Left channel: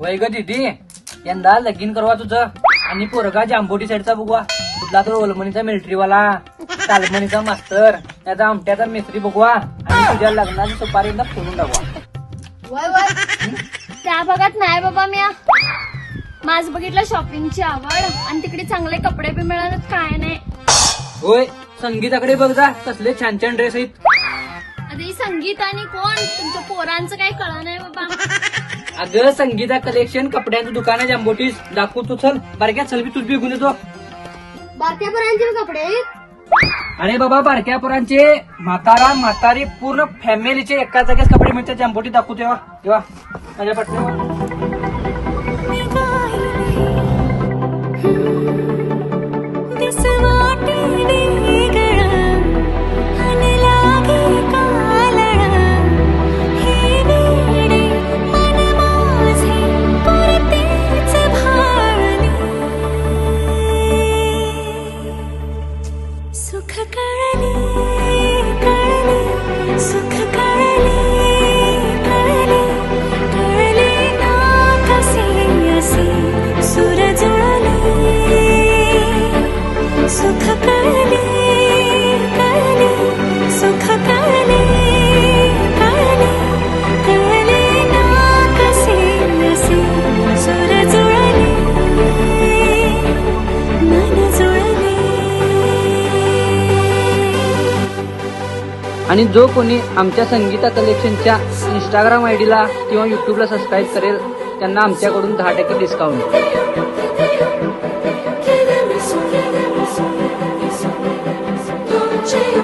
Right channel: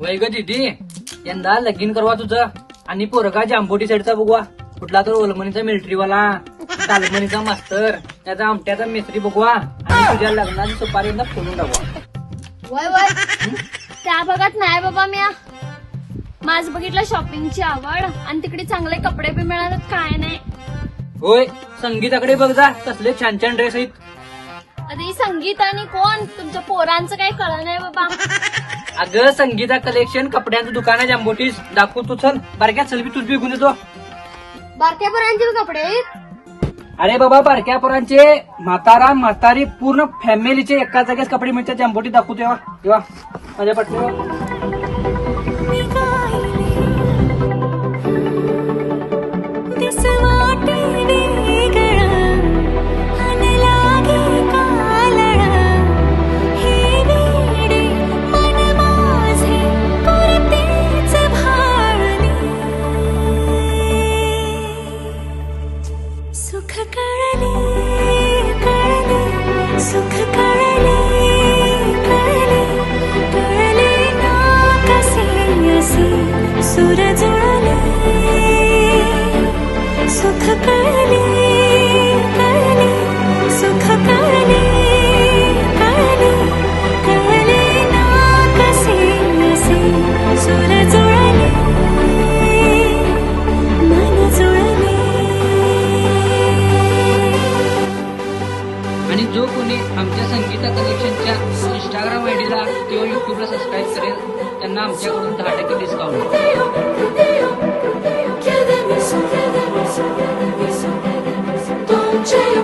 वय ग दीदी, यंदा लगीन करवा तुझं आणि पोरगा जांभोटी साईडचा बघवा. कुठला तो ओलमणीचा मिलिटरीवाला, तालमणीचा मास्तर, त्याचा आमट्याचा मिस्त्री बघवा आणि तुझ्या लग्नाची सुपारीला फुलून टाकवा. त्या भागात नाही बाबा मी. माझं बघितलं शॉपिंगची आवड आणि तिकडे चांगले कपडे बी मिळालेत काय नाही. होय, संगीताकडे बघ जा, कसले छान छान ड्रेस आहेत. अरे संगीत आणि कोण तुमच्या पोरांचं काही कळलं नाही बाबा. अगं संगीता कलेक्शन कपड्यांचं दुकान आहे जांभोटीस, दाखव तू. चल बारक्या, चल बी तू बी देतो. बारक्या पोरांचे कपडे? अरे बाबा, बारक्या पोरांचे, म्हातारा म्हातारी पूर्ण फॅमिलीचे एका जागेच कपडे मिळतात जांभोटी. दाखवू तेव्हा माझ्या पटकन. सुख कळले कळले सुख कळले कळले कळले ना कसे असे सुर जुळले सुख कळले कळले सुख कळले कळले कळले ना कसे असे सुर जुळले मन जुळले. आणि जो कोणी आमच्या संगीता कलेक्शनच्या इंस्टाग्राम आयडीला किंवा युट्यूबला सबस्क्राईब करेल त्यांना आमच्याकडून 10% डिस्काउंट.